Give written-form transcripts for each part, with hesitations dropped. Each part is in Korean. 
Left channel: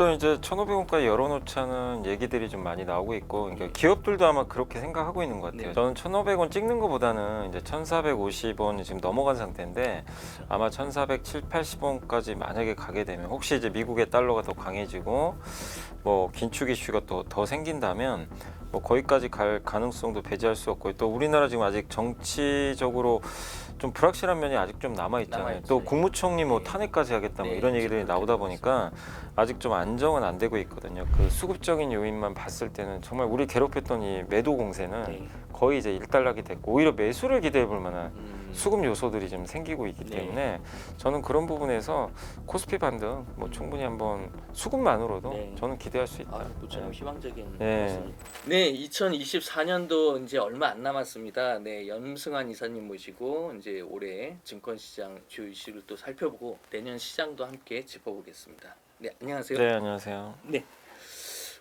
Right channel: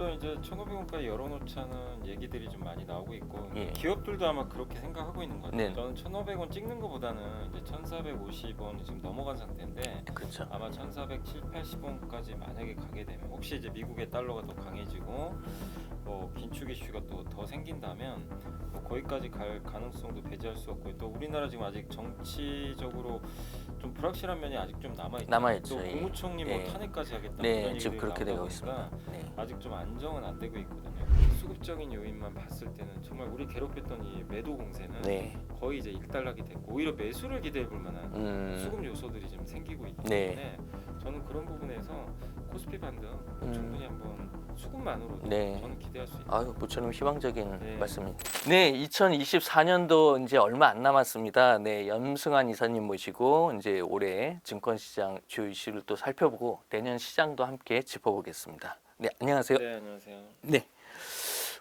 일단 이제 1,500원까지 열어놓자는 얘기들이 좀 많이 나오고 있고, 그러니까 예. 기업들도 아마 그렇게 생각하고 있는 것 같아요. 네. 저는 1,500원 찍는 것보다는 이제 1,450원이 지금 넘어간 상태인데, 그렇죠. 아마 1,470, 80원까지 만약에 가게 되면, 혹시 이제 미국의 달러가 더 강해지고 뭐 긴축 이슈가 또 더 생긴다면 뭐 거기까지 갈 가능성도 배제할 수 없고, 또 우리나라 지금 아직 정치적으로 좀 불확실한 면이 아직 좀 남아있잖아요. 남아있죠. 또 국무총리 뭐 예. 탄핵까지 하겠다 뭐 네, 이런 지금 얘기들이 그렇게 나오다 되고 보니까 아직 좀 안정은 안 되고 있거든요. 그 수급적인 요인만 봤을 때는 정말 우리 괴롭혔던 이 매도 공세는 네. 거의 이제 일단락이 됐고, 오히려 매수를 기대해 볼 만한 수급 요소들이 좀 생기고 있기 네. 때문에 저는 그런 부분에서 코스피 반등 뭐 충분히 한번 수급만으로도 네. 저는 기대할 수 있다. 아유, 모처럼 희망적인 네. 말씀입니다. 네, 2024년도 이제 얼마 안 남았습니다. 네, 염승환 이사님 모시고 이제 올해 증권시장 주요 이슈를 또 살펴보고 내년 시장도 함께 짚어보겠습니다. 네, 안녕하세요. 네, 안녕하세요. 네.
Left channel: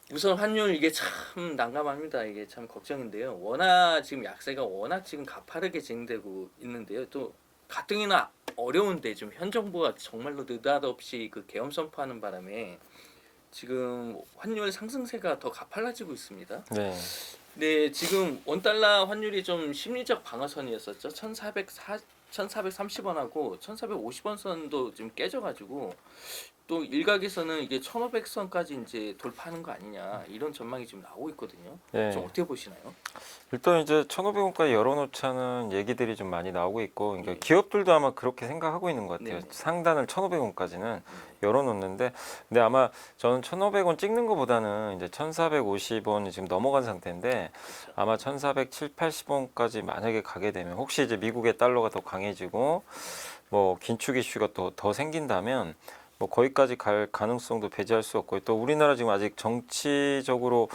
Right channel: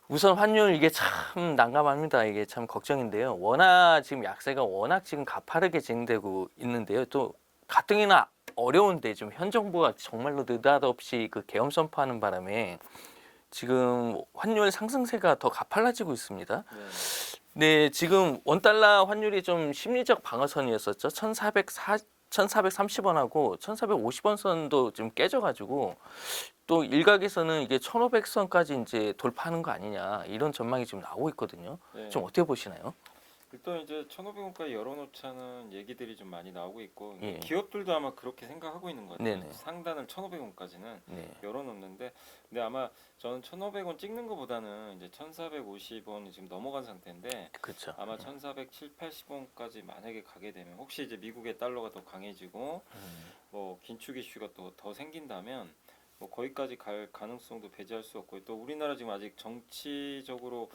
우선 환율 이게 참 난감합니다. 이게 참 걱정인데요. 워낙 지금 약세가 워낙 지금 가파르게 진행되고 있는데요. 또 가뜩이나 어려운데 좀 현 정부가 정말로 느닷없이 그 계엄 선포하는 바람에 지금 환율 상승세가 더 가팔라지고 있습니다. 네. 네, 지금 원달러 환율이 좀 심리적 방어선이었었죠. 1,430원하고 1,450원 선도 좀 깨져가지고 또 일각에서는 이게 1,500선까지 이제 돌파하는 거 아니냐 이런 전망이 지금 나오고 있거든요. 네. 좀 어떻게 보시나요? 일단 이제 1,500원까지 열어놓자는 얘기들이 좀 많이 나오고 있고, 그러니까 예. 기업들도 아마 그렇게 생각하고 있는 것 같아요. 네네. 상단을 1,500원까지는 네. 열어놓는데, 근데 아마 저는 1,500원 찍는 것보다는 이제 1,450원이 지금 넘어간 상태인데, 그렇죠. 아마 1,470, 80원까지 만약에 가게 되면, 혹시 이제 미국의 달러가 더 강해지고 뭐 긴축 이슈가 또 더 생긴다면 뭐 거기까지 갈 가능성도 배제할 수 없고, 또 우리나라 지금 아직 정치적으로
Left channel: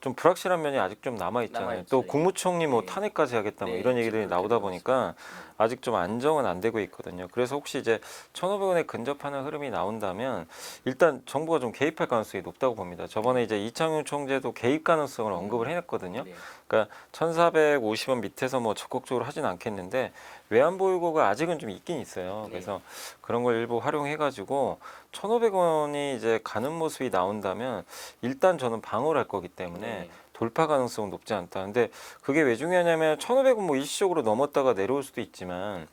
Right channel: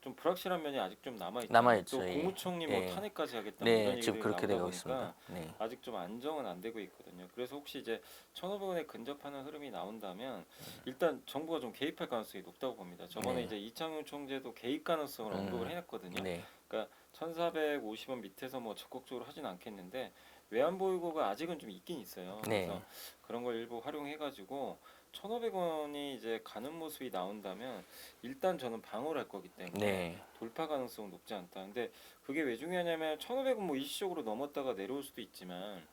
좀 불확실한 면이 아직 좀 남아있잖아요. 남아있죠. 또 국무총리 뭐 예. 탄핵까지 하겠다 뭐 네, 이런 지금 얘기들이 그렇게 나오다 되고 보니까 있습니다. 아직 좀 안정은 안 되고 있거든요. 그래서 혹시 이제 1,500원에 근접하는 흐름이 나온다면 일단 정부가 좀 개입할 가능성이 높다고 봅니다. 저번에 네. 이제 이창용 총재도 개입 가능성을 언급을 해놨거든요. 네. 그러니까 1,450원 밑에서 뭐 적극적으로 하진 않겠는데 외환 보유고가 아직은 좀 있긴 있어요. 네. 그래서 그런 걸 일부 활용해가지고 1,500원이 이제 가는 모습이 나온다면 일단 저는 방어를 할 거기 때문에 네. 돌파 가능성은 높지 않다. 근데 그게 왜 중요하냐면 1,500원 뭐 일시적으로 넘었다가 내려올 수도 있지만,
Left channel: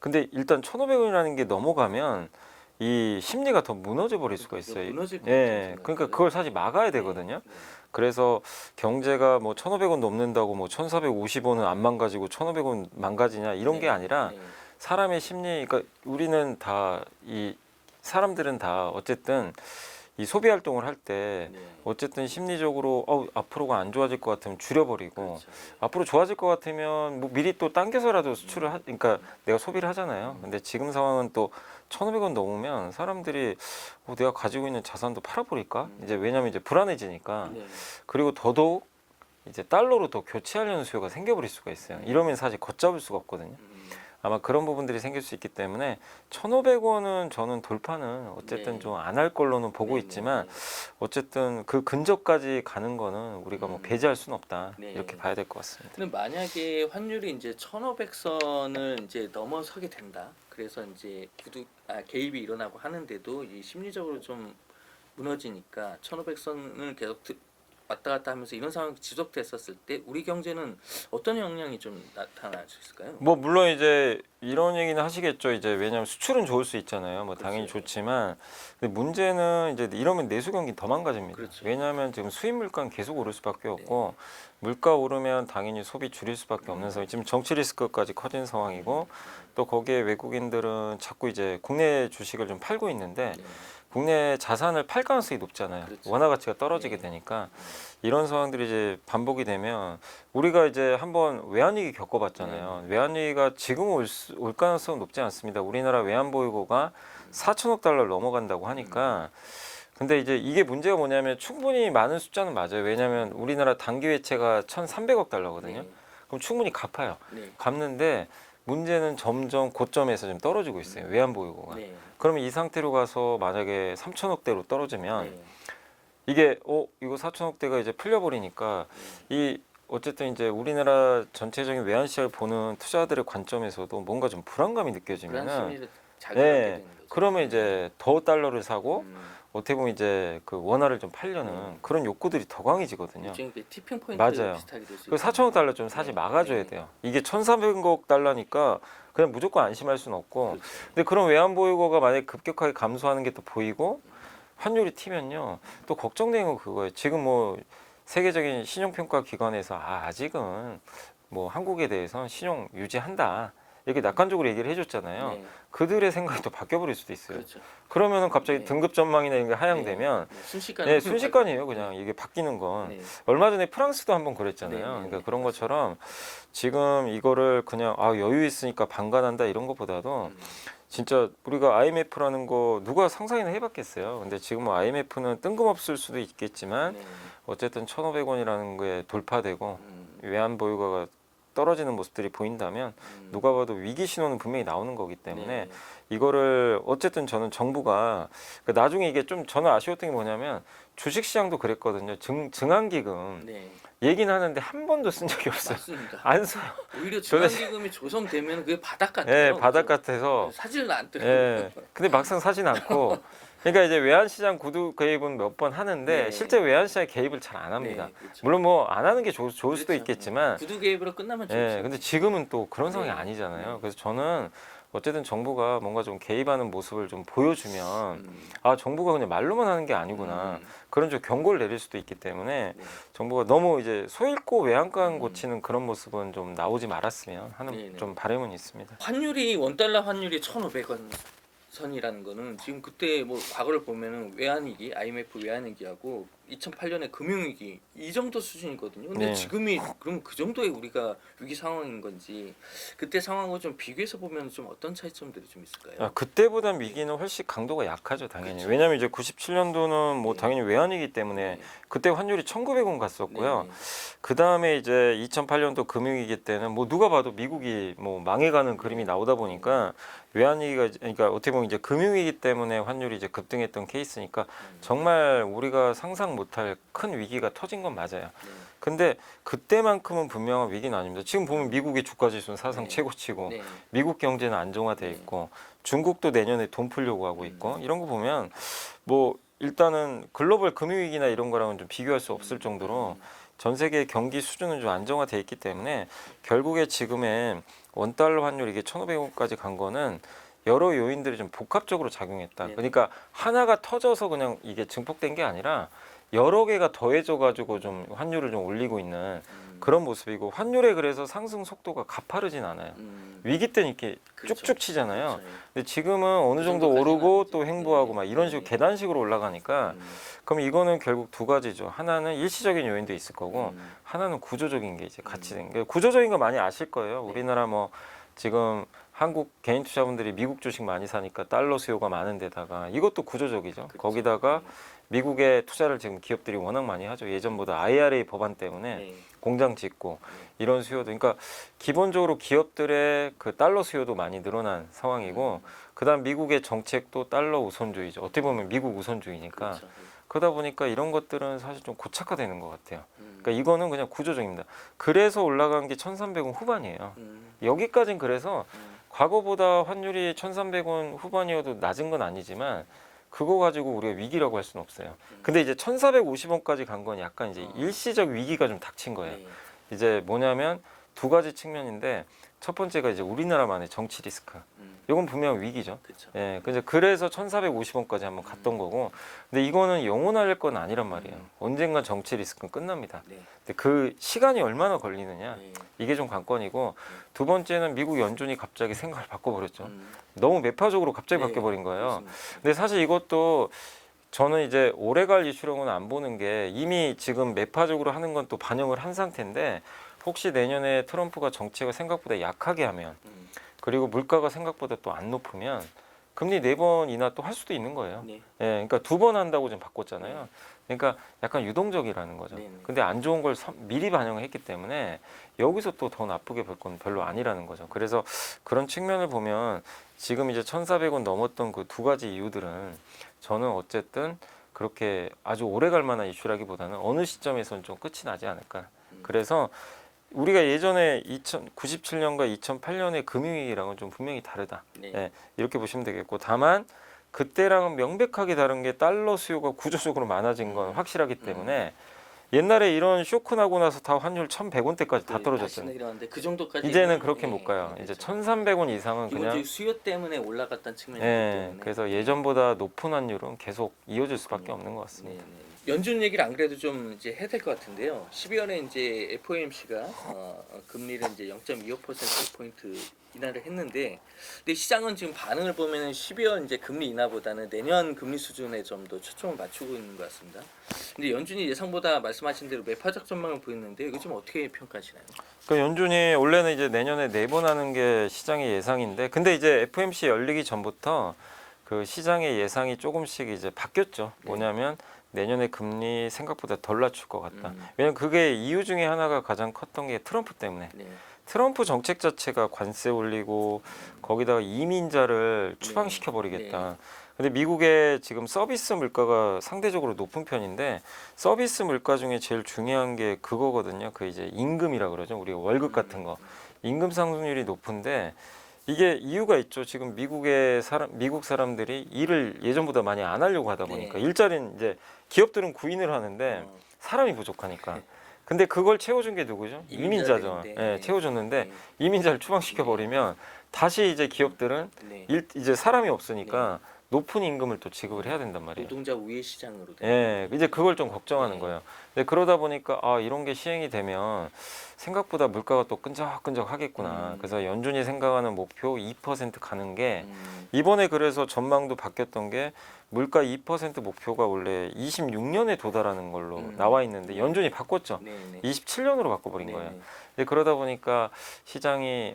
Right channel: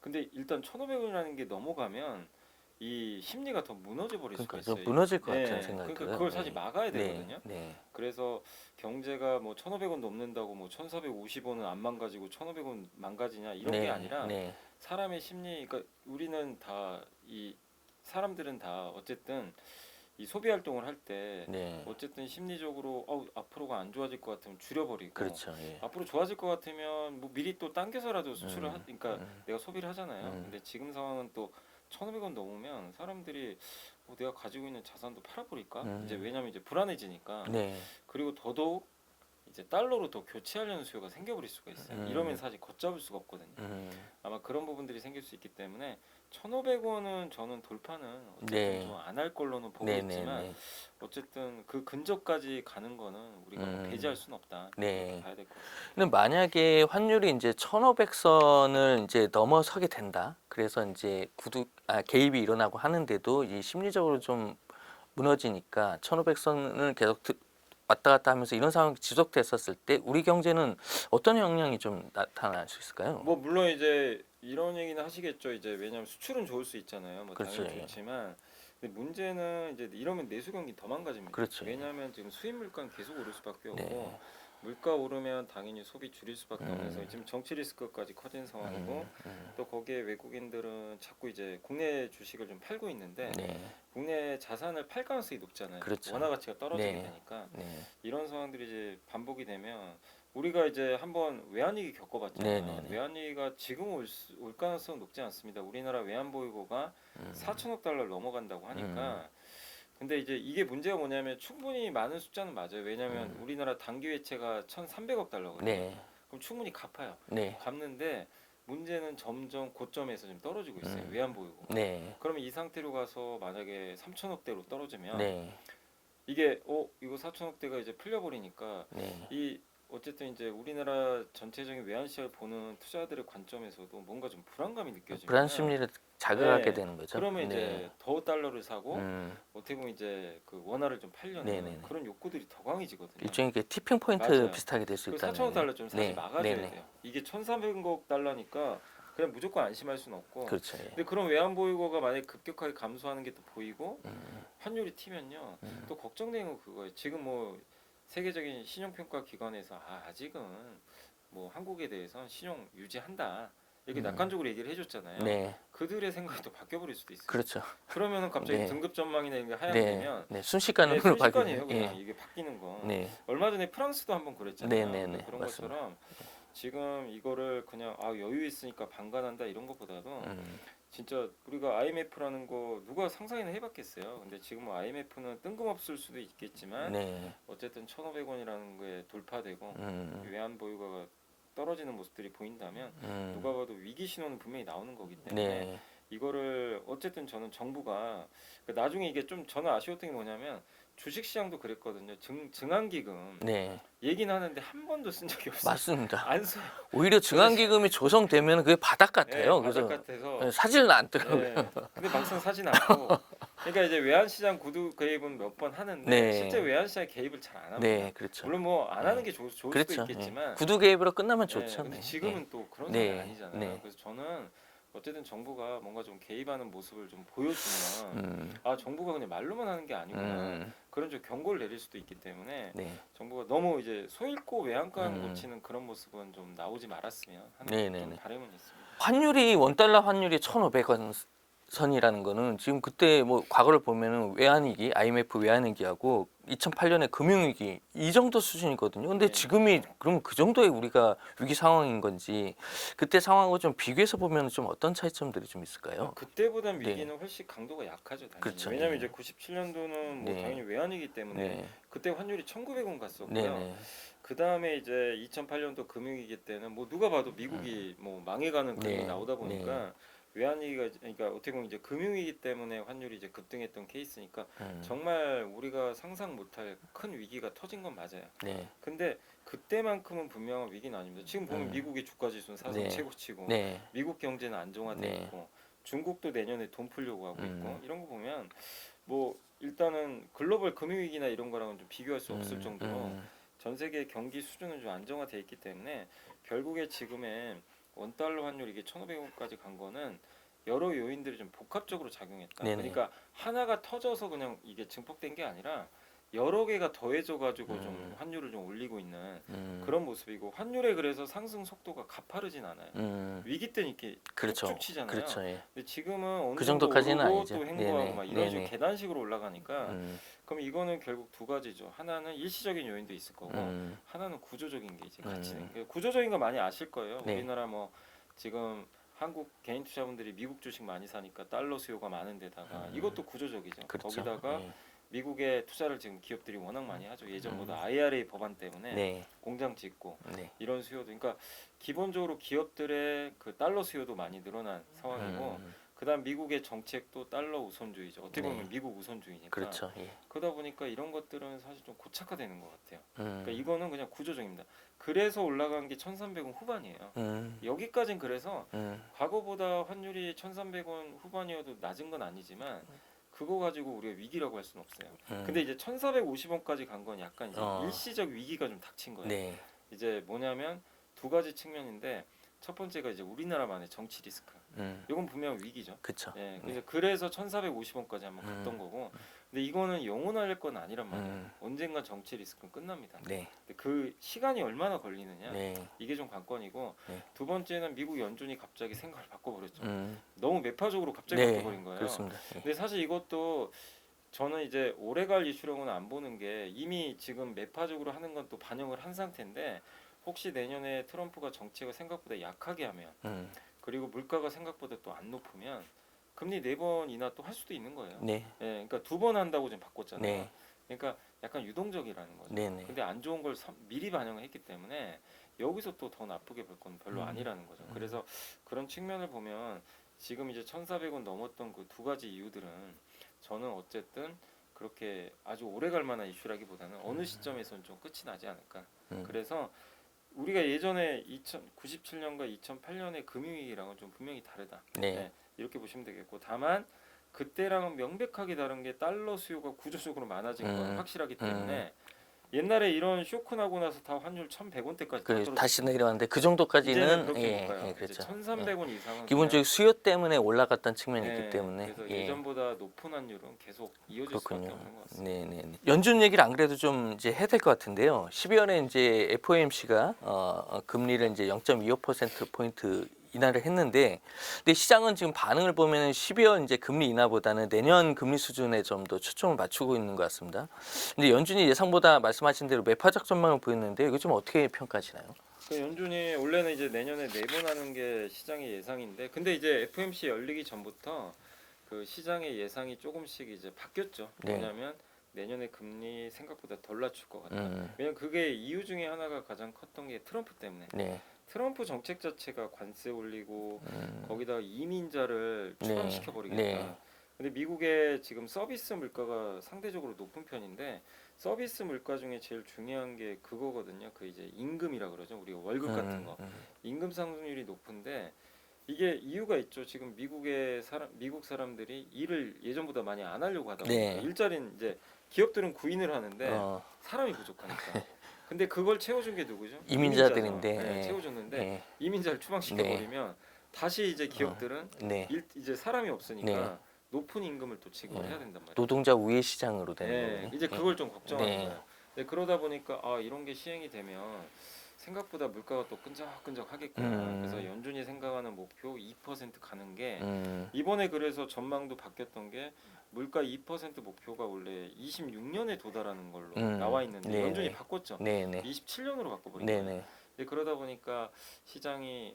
근데 일단 1,500원이라는 게 넘어가면 이 심리가 더 무너져 버릴 수가 그러니까 있어요. 무너질 것 같아요. 예, 그러니까 그걸 사실 막아야 되거든요. 네. 그래서 경제가 뭐 1,500원 넘는다고 뭐 1,450원은 안 망가지고 1,500원 망가지냐 이런 네. 게 아니라 네. 사람의 심리, 그러니까 우리는 다 이 사람들은 다 어쨌든 이 소비 활동을 할 때 네. 어쨌든 심리적으로 앞으로가 안 좋아질 것 같으면 줄여버리고, 그렇죠. 예. 앞으로 좋아질 것 같으면 뭐 미리 또 당겨서라도 수출을 그러니까 내가 소비를 하잖아요. 근데 지금 상황은 또 1,500원 넘으면 사람들이 내가 가지고 있는 자산도 팔아버릴까? 이제 왜냐면 이제 불안해지니까. 네. 그리고 더더욱 이제 달러로 더 교체하려는 수요가 생겨버릴 수가 있어요. 이러면 사실 걷잡을 수가 없거든요. 아마 그런 부분들이 생길 수 있기 때문에 1,500원은 저는 돌파는 어쨌든 네. 좀 안 할 걸로는 보고 네, 있지만 네, 네. 어쨌든 그 근접까지 가는 거는 우리가 뭐 배제할 수는 없다. 네. 이렇게 봐야 될 것 같습니다. 근데 만약에 환율이 이제 1,500선을 이제 넘어서게 된다. 그래서 이제 개입이 일어나고 하는데도 이 심리적으로 좀 무너지니까 1,500선을 계속 왔다 갔다 하면서 이런 상황이 지속됐었을 때 우리 경제는 어떤 영향이 좀 나타날 수 있을까요? 뭐 물론 이제 이런 얘기는 하시겠죠. 이제 왜냐하면 수출은 좋을 수 있잖아요. 뭐 그렇죠. 당연히 예. 좋지만, 근데 문제는 이제 이러면 내수 경기 더 망가집니다. 그렇죠. 왜냐하면 지금 수입 물가는 계속 오를 수밖에 없고, 물가 오르면 당연히 소비 줄일 수밖에 없는 상황. 지금 정치 리스크까지 커진 상황이고, 또 거기에 외국인들은 자꾸 이제 국내 주식을 좀 팔고 있는데 네. 국내 자산을 팔 가능성이 높잖아요. 그렇죠. 원화 가치가 떨어지게 네. 되니까 이런 상황들이 이제 반복이 되면 우리가 이제 한번 외환위기 겪어봤잖아요. 네. 외환위기가 지금 올 가능성은 높지 않습니다. 우리나라 외환 보유고가 4천억 달러를 넘어간다고 하니까. 근데 이제 이게 문제가 뭐냐면 충분히 많은 숫자는 맞아요. 왜냐하면 우리나라 단기 외채가 1,300억 달러거든요. 네. 그럼 충분히 갚아요. 네. 갚는데 문제는 점점 고점에서 좀 떨어지고 있어요. 외환 보유고가. 네. 그러면 이 상태로 가서 만약에 3천억대로 떨어지면 네. 이게 이거 4천억대가 이제 풀려버리니까 이 어쨌든 이제 우리나라 전체적인 외환 시장을 보는 투자들의 관점에서도 뭔가 좀 불안감이 느껴지면 불안 심리를 자극하게 네. 되는 거죠. 그러면 네. 이제 더 달러를 사고 음, 어떻게 보면 이제 그 원화를 좀 팔려는 네네. 그런 욕구들이 더 강해지거든요. 일종의 그 티핑 포인트 맞아요. 비슷하게 될 수 그 있다. 4천억 달러 좀 사실 네. 막아줘야 네네. 돼요. 이게 1,400억 달러니까 그냥 무조건 안심할 수는 없고. 그렇죠. 근데 그런 외환 보유고가 만약에 급격하게 감소하는 게 또 보이고 음, 환율이 튀면요. 또 걱정되는 건 그거예요. 지금 뭐 세계적인 신용평가 기관에서 아직은 뭐 한국에 대해서는 신용 유지한다. 이렇게 낙관적으로 얘기를 해줬잖아요. 네. 그들의 생각이 또 바뀌어버릴 수도 있어요. 그렇죠. 그러면은 갑자기 네. 등급 전망이나 이런 게 하향되면 네. 순식간에 네, 순식간이에요. 그냥 네. 이게 바뀌는 건. 네. 얼마 전에 프랑스도 한번 그랬잖아요. 네, 네, 그러니까 네. 그런 맞습니다. 것처럼 지금 이거를 그냥 여유 있으니까 방관한다 이런 것보다도 음, 진짜 우리가 IMF라는 거 누가 상상이나 해봤겠어요. 근데 지금 뭐 IMF는 뜬금없을 수도 있겠지만 네. 어쨌든 1,500원이라는 게 돌파되고 음, 외환 보유고가 떨어지는 모습들이 보인다면 누가 봐도 위기 신호는 분명히 나오는 거기 때문에 네. 이거를 어쨌든 저는 정부가 그러니까 나중에 이게 좀 저는 아쉬웠던 게 뭐냐면 주식시장도 그랬거든요. 증안기금 네. 얘기는 하는데 한 번도 쓴 적이 없어요. 맞습니다. 안 써요. 오히려 증안기금이 조성되면 그게 바닥 같아요. 예, 바닥 그죠? 같아서. 사질은 안 뜨고요. 예. 근데 막상 사진 않고. 그러니까 이제 외환시장 구두 개입은 몇 번 하는데 네. 실제 외환시장에 개입을 잘 안 합니다. 네, 그렇죠. 물론 뭐 안 하는 게 좋을 수도 그렇죠. 있겠지만. 예. 구두 개입으로 끝나면 좋죠. 예, 근데 지금은 또 그런 상황이 네. 아니잖아요. 네. 그래서 저는 어쨌든 정부가 뭔가 좀 개입하는 모습을 좀 보여주면 음, 정부가 그냥 말로만 하는 게 아니구나. 음, 그런 좀 경고를 내릴 수도 있기 때문에 네. 정부가 너무 이제 소잃고 외양간 음. 고치는 그런 모습은 좀 나오지 말았으면 하는 네네네. 좀 바람은 있습니다. 환율이 원달러 환율이 1,500원 선이라는 거는 지금 그때 뭐 과거를 보면은 외환위기, IMF 외환위기하고 2008년에 금융위기 이 정도 수준이거든요. 근데 네. 지금이 그러면 그 정도의 우리가 위기 상황인 건지 그때 상황하고 좀 비교해서 보면 좀 어떤 차이점들이 좀 있을까요? 그때보단 위기는 훨씬 강도가 약하죠, 당연히. 그쵸. 왜냐하면 이제 97년도는 뭐 네. 당연히 외환이기 때문에 네. 그때 환율이 1,900원 갔었고요. 네. 그 다음에 이제 2008년도 금융위기 때는 뭐 누가 봐도 미국이 뭐 망해가는 그림이 네. 나오다 보니까 외환위기가 그러니까 어떻게 보면 이제 금융위기 때문에 환율이 이제 급등했던 케이스니까 정말 우리가 상상 못할 큰 위기가 터진 건 맞아요. 네. 근데 그때만큼은 분명한 위기는 아닙니다. 지금 보면 미국의 주가 지수는 사상 네. 최고치고 네. 미국 경제는 안정화돼 네. 있고 중국도 내년에 돈 풀려고 하고 있고 이런 거 보면 뭐 일단은 글로벌 금융위기나 이런 거랑은 좀 비교할 수 없을 정도로 전 세계 경기 수준은 좀 안정화돼 있기 때문에 결국에 지금의 원달러 환율 이게 1,500원까지 간 거는 여러 요인들이 좀 복합적으로 작용했다. 네네. 그러니까 하나가 터져서 그냥 이게 증폭된 게 아니라 여러 개가 더해져 가지고 좀 환율을 좀 올리고 있는 그런 모습이고 환율에 그래서 상승 속도가 가파르진 않아요. 위기 때는 이렇게 그렇죠. 쭉쭉 치잖아요. 그렇죠. 예. 근데 지금은 어느 그 정도 정도까지는 오르고 아니죠. 또 횡보하고 네네. 막 이런 식으로 네네. 계단식으로 올라가니까 음, 그럼 이거는 결국 두 가지죠. 하나는 일시적인 요인도 있을 거고 음, 하나는 구조적인 게 이제 같이 된 게 구조적인 거 많이 아실 거예요. 네. 우리나라 뭐 지금 한국 개인 투자분들이 미국 주식 많이 사니까 달러 수요가 많은 데다가 이것도 구조적이죠. 그렇죠. 거기다가 네. 미국에 투자를 지금 기업들이 워낙 많이 하죠. 예전보다 IRA 법안 때문에 네. 공장 짓고 네. 이런 수요도 그러니까 기본적으로 기업들의 그 달러 수요도 많이 늘어난 상황이고 그다음 미국의 정책도 달러 우선주의죠. 어떻게 보면 미국 우선주의니까 그렇죠. 예. 그러다 보니까 이런 것들은 사실 좀 고착화되는 것 같아요. 음, 그러니까 이거는 그냥 구조적입니다. 그래서 올라간 게 1,300원 후반이에요. 여기까지는 그래서 과거보다 환율이 1,300원 후반이어도 낮은 건 아니지만 그거 가지고 우리가 위기라고 할 수는 없어요. 근데 이제 1,450원까지 간 건 약간 이제 일시적 위기가 좀 닥친 거예요. 네. 이제 뭐냐면 두 가지 측면인데 첫 번째가 이제 우리나라만의 정치 리스크. 이건 분명 위기죠. 그렇죠. 예, 그래서 1,450원까지 한번 갔던 거고, 근데 이거는 영원할 건 아니란 말이에요. 언젠가 정치 리스크는 끝납니다. 네. 근데 그 시간이 얼마나 걸리느냐, 네. 이게 좀 관건이고, 네. 두 번째는 미국 연준이 갑자기 생각을 바꿔버렸죠. 음, 너무 매파적으로 갑자기 네, 바뀌어버린 거예요. 그렇습니다. 근데 사실 이것도 저는 이제 오래갈 이슈로는 안 보는 게 이미 지금 매파적으로 하는 건 또 반영을 한 상태인데 혹시 내년에 트럼프가 정책을 생각보다 약하게 하면 그리고 물가가 생각보다 또 안 높으면 금리 4번 인하 또 할 수도 있는 거예요. 네. 예, 그러니까 2번 한다고 지금 바꿨잖아요. 네. 그러니까 약간 유동적이라는 거죠. 네네. 근데 안 좋은 걸 미리 반영을 했기 때문에 여기서 또 더 나쁘게 볼 건 별로 아니라는 거죠. 그래서 그런 측면을 보면 지금 이제 1,400원 넘었던 그 두 가지 이유들은 저는 어쨌든 그렇게 아주 오래 갈 만한 이슈라기보다는 어느 시점에서는 좀 끝이 나지 않을까. 그래서 우리가 예전에 97년과 2008년의 금융위기랑은 좀 분명히 다르다. 네. 예, 이렇게 보시면 되겠고 다만 그때랑은 명백하게 다른 게 달러 수요가 구조적으로 많아진 건 확실하기 때문에 옛날에 이런 쇼크 나고 나서 다 환율 1,100원대까지 다 다시 떨어졌어요. 내려왔는데 그 정도까지는 이제는 그렇게 예, 못 가요. 예, 이제 그렇죠. 1,300원 이상은 기본적인 수요 때문에 올라갔던 측면이기 그냥, 때문에 그래서 예. 예전보다 높은 환율은 계속 이어질 수밖에 그렇군요. 없는 것 같습니다. 네, 네. 연준 얘기를 안 그래도 좀 이제 해야 될 것 같은데요. 12월에 이제 FOMC가 금리를 이제 0.25% 포인트 인하를 했는데, 근데 시장은 지금 반응을 보면 12월 이제 금리 인하보다는 내년 금리 수준에 좀 더 초점을 맞추고 있는 것 같습니다. 근데 연준이 예상보다 말씀하신 대로 매파적 전망을 보였는데 이거 좀 어떻게 평가하시나요? 그러니까 연준이 원래는 이제 내년에 4번 하는 게 시장의 예상인데, 근데 이제 FOMC 열리기 전부터 그 시장의 예상이 조금씩 이제 바뀌었죠. 네. 뭐냐면 내년에 금리 생각보다 덜 낮출 것 같다. 음. 왜냐면 그게 이유 중에 하나가 가장 컸던 게 트럼프 때문에. 네. 트럼프 정책 자체가 관세 올리고 거기다가 이민자를 추방시켜 버리겠다. 네. 근데 미국의 지금 서비스 물가가 상대적으로 높은 편인데 서비스 물가 중에 제일 중요한 게 그거거든요. 그 이제 임금이라 그러죠. 우리가 월급 같은 거. 임금 상승률이 높은데 이게 이유가 있죠. 지금 미국 사람들이 일을 예전보다 많이 안 하려고 하다 보니까 네. 일자리는 이제 기업들은 구인을 하는데 어, 사람이 부족하니까. 근데 그걸 채워준 게 누구죠? 이민자들인데. 이민자죠. 예, 채워줬는데 네. 이민자를 추방시켜 버리면 다시 이제 기업들은 네. 이제 사람이 없으니까 높은 임금을 또 지급을 해야 된단 말이에요. 노동자 우회 시장으로 되는 예, 거군요. 이제 그걸 좀 걱정하는 네. 거예요. 근데 그러다 보니까 아 이런 게 시행이 되면 생각보다 물가가 또 끈적끈적 하겠구나. 그래서 연준이 생각하는 목표 2% 가는 게 이번에 그래서 전망도 바뀌었던 게 물가 2% 목표가 원래 26년에 도달하는 걸로 나와 있는데 네. 연준이 바꿨죠. 네, 네. 27년으로 바꿔버린 네, 거예요. 네. 근데 그러다 보니까 시장이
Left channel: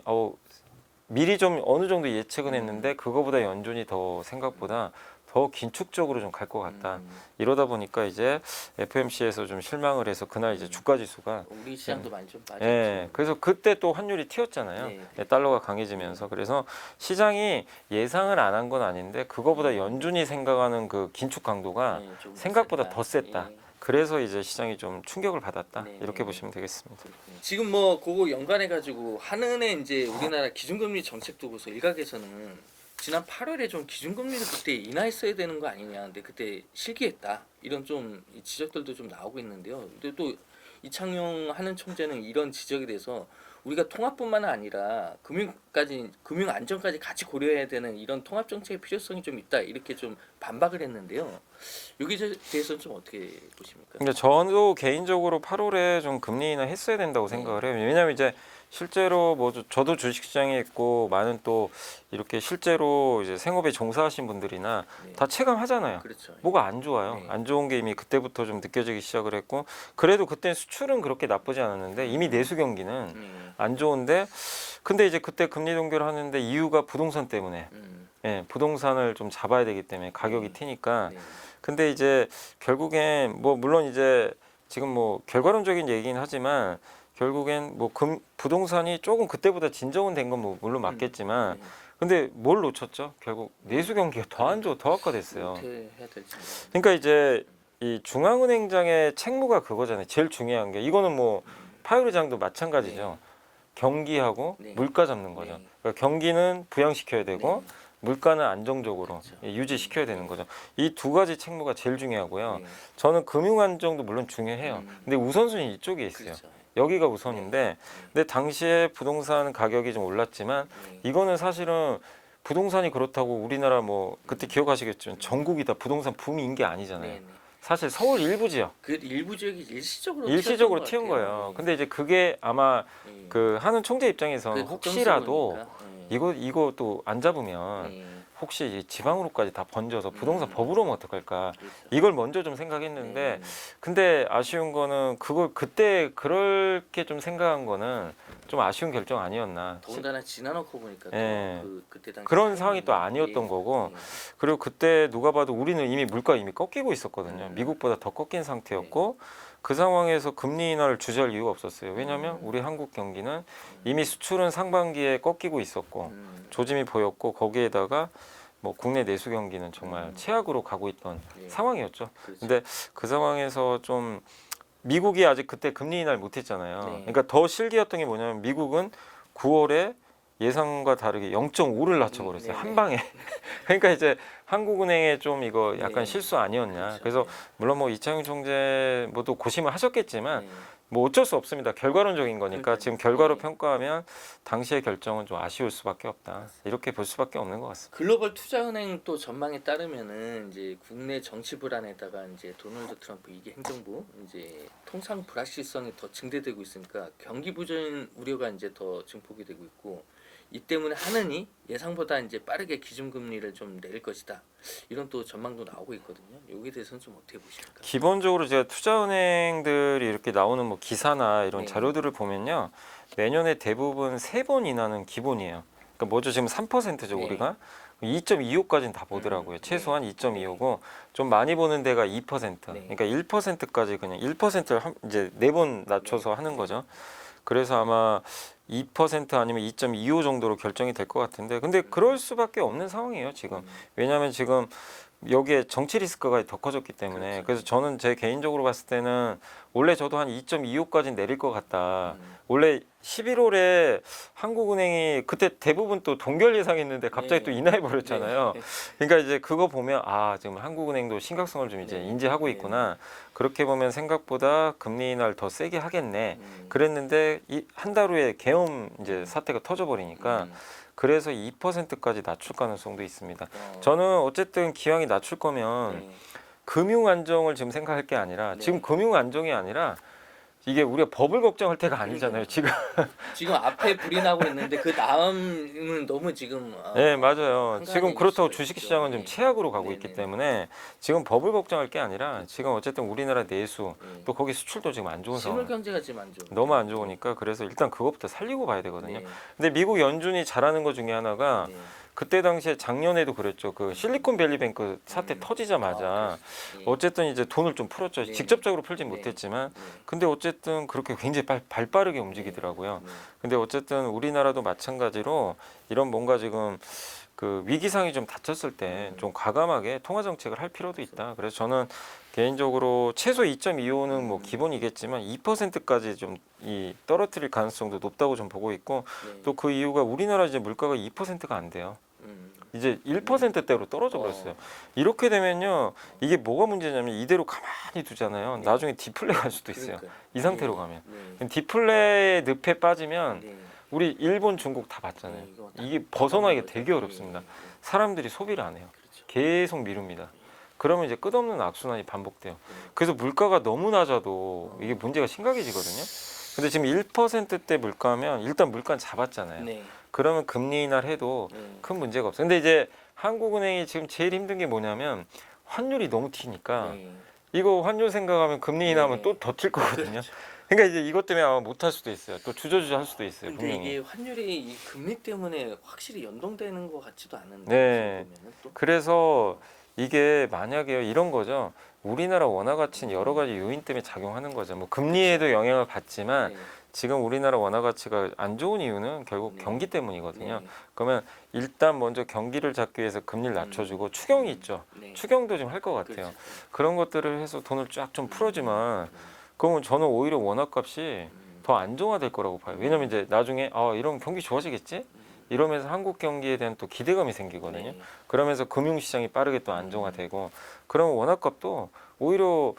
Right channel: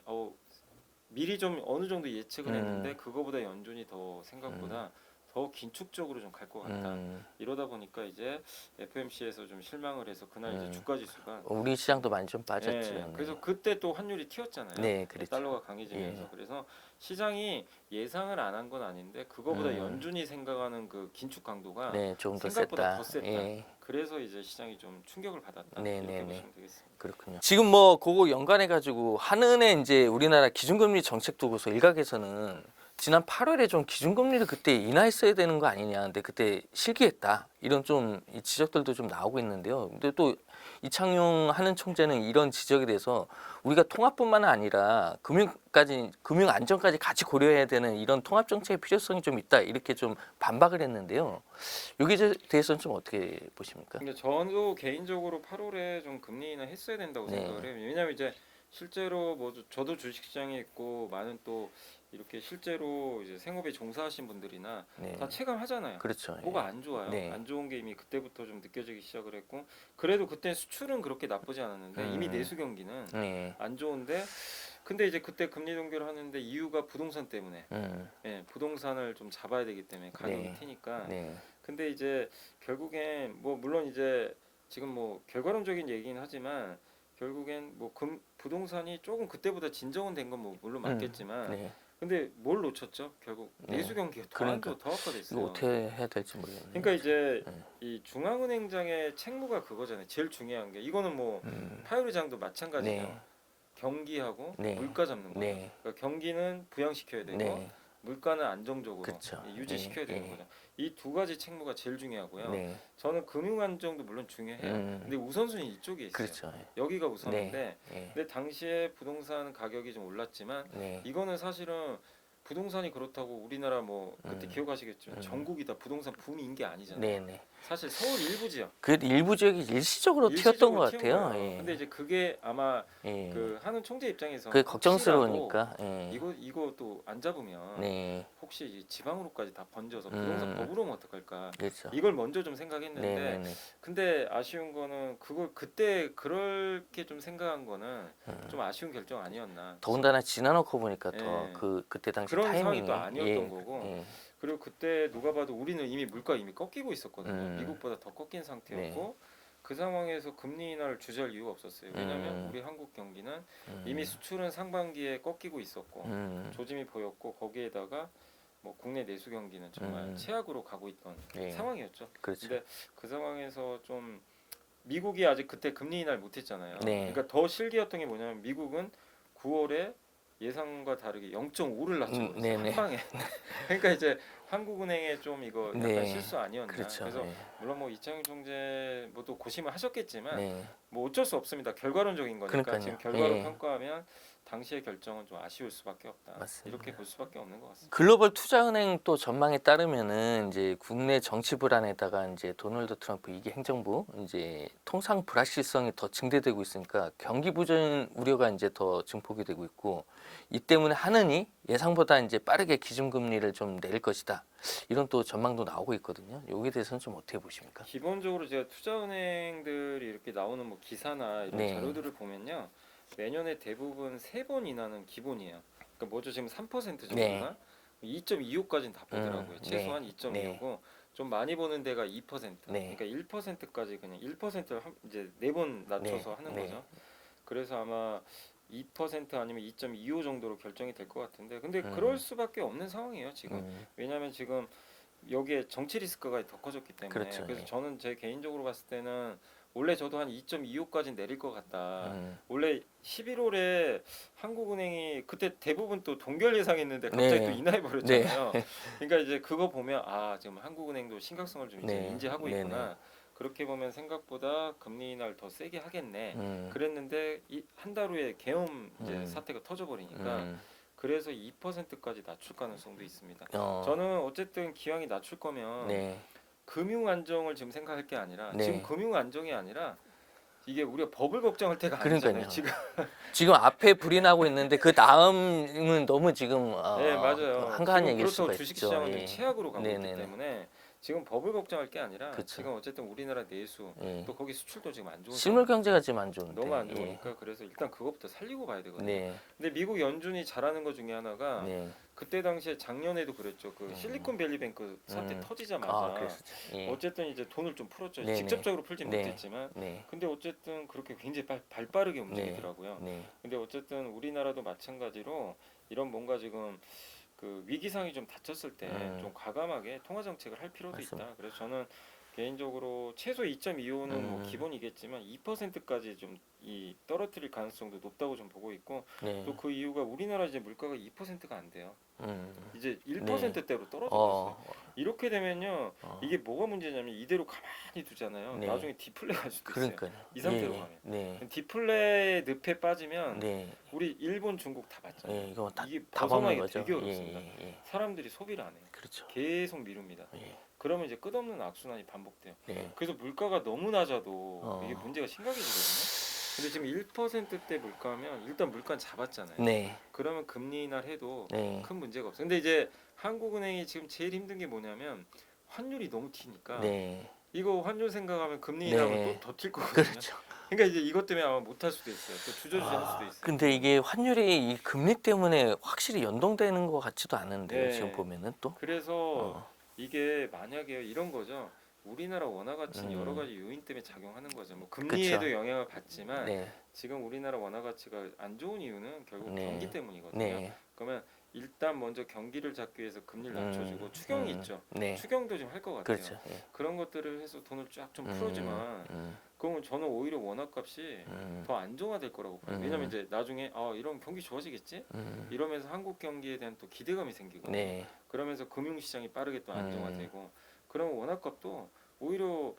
미리 좀 어느 정도 예측은 했는데 그거보다 연준이 더 생각보다 더 긴축적으로 좀 갈 것 같다. 이러다 보니까 이제 FOMC에서 좀 실망을 해서 그날 이제 주가 지수가 우리 시장도 많이 좀 빠졌죠. 예, 그래서 그때 또 환율이 튀었잖아요. 네, 그렇죠. 달러가 강해지면서 그래서 시장이 예상을 안 한 건 아닌데 그거보다 연준이 생각하는 그 긴축 강도가 네, 좀더 생각보다 셌다. 더 셌다. 예. 그래서 이제 시장이 좀 충격을 받았다. 네, 이렇게 네, 보시면 되겠습니다. 그렇군요. 지금 뭐 그거 연관해 가지고 한은의 이제 우리나라 기준금리 정책 두고서 일각에서는 지난 8월에 좀 기준금리를 그때 인하했어야 되는 거 아니냐. 근데 그때 실기했다. 이런 좀 지적들도 좀 나오고 있는데요. 근데 또 이창용 한은 총재는 이런 지적에 대해서 우리가 통합뿐만 아니라 금융 안정까지 같이 고려해야 되는 이런 통합 정책의 필요성이 좀 있다. 이렇게 좀 반박을 했는데요. 여기에 대해서는 좀 어떻게 보십니까? 근데 저도 개인적으로 8월에 좀 금리 인하 했어야 된다고 생각을 해요. 왜냐하면 이제 실제로 뭐 저도 주식시장에 있고 많은 또 이렇게 실제로 이제 생업에 종사하신 분들이나 네. 다 체감하잖아요. 그렇죠. 뭐가 안 좋아요. 네. 안 좋은 게 이미 그때부터 좀 느껴지기 시작을 했고 그래도 그때 수출은 그렇게 나쁘지 않았는데 이미 내수 경기는 네. 안 좋은데 근데 이제 그때 금리 동결을 하는데 이유가 부동산 때문에 예, 부동산을 좀 잡아야 되기 때문에 가격이 네. 튀니까 네. 근데 이제 결국엔 뭐 물론 이제 지금 뭐 결과론적인 얘기긴 하지만 결국엔 뭐 부동산이 조금 그때보다 진정은 된 건 뭐 물론 맞겠지만 네. 근데 뭘 놓쳤죠? 결국 내수 경기가 더 안 좋아, 더 뭐 악화됐어요. 어떻게 해야 될지 모르겠네요. 그러니까 이제 이 중앙은행장의 책무가 그거잖아요. 제일 중요한 게 이거는 뭐 파월 의장도 마찬가지죠. 네. 경기하고 네. 물가 잡는 거죠. 네. 그러니까 경기는 부양시켜야 되고 네. 물가는 안정적으로 그쵸. 유지시켜야 네. 되는 거죠. 이 두 가지 책무가 제일 중요하고요. 네. 저는 금융 안정도 물론 중요해요. 근데 우선순위 이쪽에 있어요. 그렇죠. 여기가 우선인데 네. 근데 당시에 부동산 가격이 좀 올랐지만 네. 이거는 사실은 부동산이 그렇다고 우리나라 뭐 그때 기억하시겠지만 전국이 다 부동산 붐인 게 아니잖아요. 네. 네. 사실 서울 일부 지역 그 일부 지역이 일시적으로 일시적으로 튀었던 튀은 것 같아요. 거예요. 예. 근데 이제 그게 아마 예. 그 하는 총재 입장에서 그게 혹시라도 걱정스러우니까. 예. 이거 또 안 잡으면 네. 혹시 이 지방으로까지 다 번져서 부동산 법으로 오면 어떡할까 그렇죠. 이걸 먼저 좀 생각했는데 네. 근데 아쉬운 거는 그걸 그때 그렇게 좀 생각한 거는 좀 아쉬운 결정 아니었나 더군다나 지나놓고 보니까 예. 더 그때 당시 그런 타이밍이, 상황이 또 아니었던 예. 거고 예. 그리고 그때 누가 봐도 우리는 이미 물가 이미 꺾이고 있었거든요. 음. 미국보다 더 꺾인 상태였고 그 상황에서 금리 인하를 주저할 이유가 없었어요. 왜냐하면 우리 한국 경기는 이미 수출은 상반기에 꺾이고 있었고 조짐이 보였고 거기에다가 뭐 국내 내수 경기는 정말 최악으로 가고 있던 예. 상황이었죠. 그렇죠. 근데 그 상황에서 좀 미국이 아직 그때 금리 인하를 못했잖아요. 네. 그러니까 더 실기였던 게 뭐냐면 미국은 9월에 예상과 다르게 0.5를 낮춰버렸어요. 네, 한 네. 방에. 그러니까 이제 한국은행에 좀 이거 약간 네. 실수 아니었냐. 그렇죠. 그래서 네. 물론 뭐 이창용 총재 뭐또 고심을 하셨겠지만 네. 뭐 어쩔 수 없습니다. 결과론적인 거니까 그러니까요. 지금 결과로 네. 평가하면 당시의 결정은 좀 아쉬울 수밖에 없다. 맞습니다. 이렇게 볼 수밖에 없는 것 같습니다. 글로벌 투자은행 또 전망에 따르면은 이제 국내 정치 불안에다가 이제 도널드 트럼프 이게 행정부 이제 통상 불확실성이 더 증대되고 있으니까 경기 부진 우려가 이제 더 증폭이 되고 있고 이 때문에 하느니 예상보다 이제 빠르게 기준금리를 좀 내릴 것이다. 이런 또 전망도 나오고 있거든요. 여기에 대해서는 좀 어떻게 보십니까? 기본적으로 제가 투자은행들이 이렇게 나오는 뭐 기사나 이런 네. 자료들을 보면요. 매년에 대부분 3번 인하는 기본이에요. 그러니까 뭐죠? 지금 3%죠, 네. 우리가. 2.25까지는 다 보더라고요. 최소한 네. 2.25고 좀 많이 보는 데가 2%. 네. 그러니까 1%까지 그냥 1%를 이제 4번 낮춰서 네. 하는 네. 거죠. 그래서 아마 2% 아니면 2.25 정도로 결정이 될 것 같은데 근데 그럴 수밖에 없는 상황이에요, 지금. 왜냐하면 지금 여기에 정치 리스크가 더 커졌기 때문에 그렇죠. 그래서 예. 저는 제 개인적으로 봤을 때는 원래 저도 한 2.25까지 내릴 것 같다. 음. 원래 11월에 한국은행이 그때 대부분 또 동결 예상했는데 갑자기 네. 또 인하해 버렸잖아요. 네. 그러니까 이제 그거 보면 아 지금 한국은행도 심각성을 좀 이제 네. 인지하고 네, 있구나. 그렇게 보면 생각보다 금리 인하를 더 세게 하겠네. 그랬는데 한 달 후에 계엄 이제 사태가 터져버리니까 그래서 2%까지 낮출 가능성도 있습니다. 저는 어쨌든 기왕이 낮출 거면 네. 금융 안정을 지금 생각할 게 아니라 네. 지금 금융 안정이 아니라 이게 우리가 법을 걱정할 때가 그러니까요. 아니잖아요. 지금 지금 앞에 불이 나고 있는데 그 다음은 너무 지금 네 맞아요. 한가한 지금 얘기일 그렇다고 수가 주식 있죠. 시장은 예. 좀 최악으로 가고 있기 네네네. 때문에 지금 법을 걱정할 게 아니라 그렇죠. 지금 어쨌든 우리나라 내수 예. 또 거기 수출도 지금 안 좋은 실물 상황. 경제가 지금 안 좋은 너무 안 좋으니까 그래서 일단 그것부터 살리고 봐야 되거든요. 네. 근데 미국 연준이 잘하는 것 중에 하나가 네. 그때 당시에 작년에도 그랬죠. 그 실리콘밸리뱅크 사태 아, 터지자마자 예. 어쨌든 이제 돈을 좀 풀었죠. 네네. 직접적으로 풀진 네. 못했지만 네. 근데 어쨌든 그렇게 굉장히 발 빠르게 움직이더라고요. 네. 근데 어쨌든 우리나라도 마찬가지로 이런 뭔가 지금 그 위기상이 좀 닥쳤을 때 좀 과감하게 통화 정책을 할 필요도 있다. 그래서 저는 개인적으로 최소 2.25는 뭐 기본이겠지만 2%까지 좀 이 떨어뜨릴 가능성도 높다고 좀 보고 있고 네. 또 그 이유가 우리나라 이제 물가가 2%가 안 돼요. 이제 네. 1%대로 떨어져 버렸어요. 이렇게 되면요. 이게 뭐가 문제냐면 이대로 가만히 두잖아요. 네. 나중에 디플레 갈 수도 있어요. 그러니까요. 이 상태로 예. 가면. 네. 디플레의 늪에 빠지면 네. 우리 일본, 중국 다 봤잖아요. 네. 이거 딱 이게 다 벗어나기가 먹는 되게 거죠. 어렵습니다. 예. 사람들이 소비를 안 해요. 그렇죠. 계속 미룹니다. 예. 그러면 이제 끝없는 악순환이 반복돼요. 네. 그래서 물가가 너무 낮아도 이게 문제가 심각해지거든요. 근데 지금 1%대 물가면 일단 물가는 잡았잖아요. 네. 그러면 금리 인하를 해도 네. 큰 문제가 없어요. 근데 이제 한국은행이 지금 제일 힘든 게 뭐냐면 환율이 너무 튀니까 네. 이거 환율 생각하면 금리 인하하면 네. 또 더 튈 거거든요. 그렇죠. 그러니까 이제 이것 때문에 아마 못할 수도 있어요. 또 주저주저 할 수도 있어요. 근데 금융이. 이게 환율이 이 금리 때문에 확실히 연동되는 것 같지도 않은데 네. 지금 보면은 또 그래서 이게 만약에 이런 거죠. 우리나라 원화 가치는 음. 여러 가지 요인 때문에 작용하는 거죠. 뭐 금리에도 그쵸. 영향을 받지만 네. 지금 우리나라 원화 가치가 안 좋은 이유는 결국 네. 경기 때문이거든요. 네. 그러면 일단 먼저 경기를 잡기 위해서 금리를 낮춰주고 추경이 있죠. 네. 추경도 좀 할 것 같아요. 그렇죠. 그런 것들을 해서 돈을 쫙 좀 풀어주면 그러면 저는 오히려 원화값이 음. 더 안정화될 거라고 봐요. 왜냐면 이제 나중에 이런 경기 좋아지겠지? 이러면서 한국 경기에 대한 또 기대감이 생기거든요. 네. 그러면서 금융시장이 빠르게 또 안정화되고 그러면 원화값도 오히려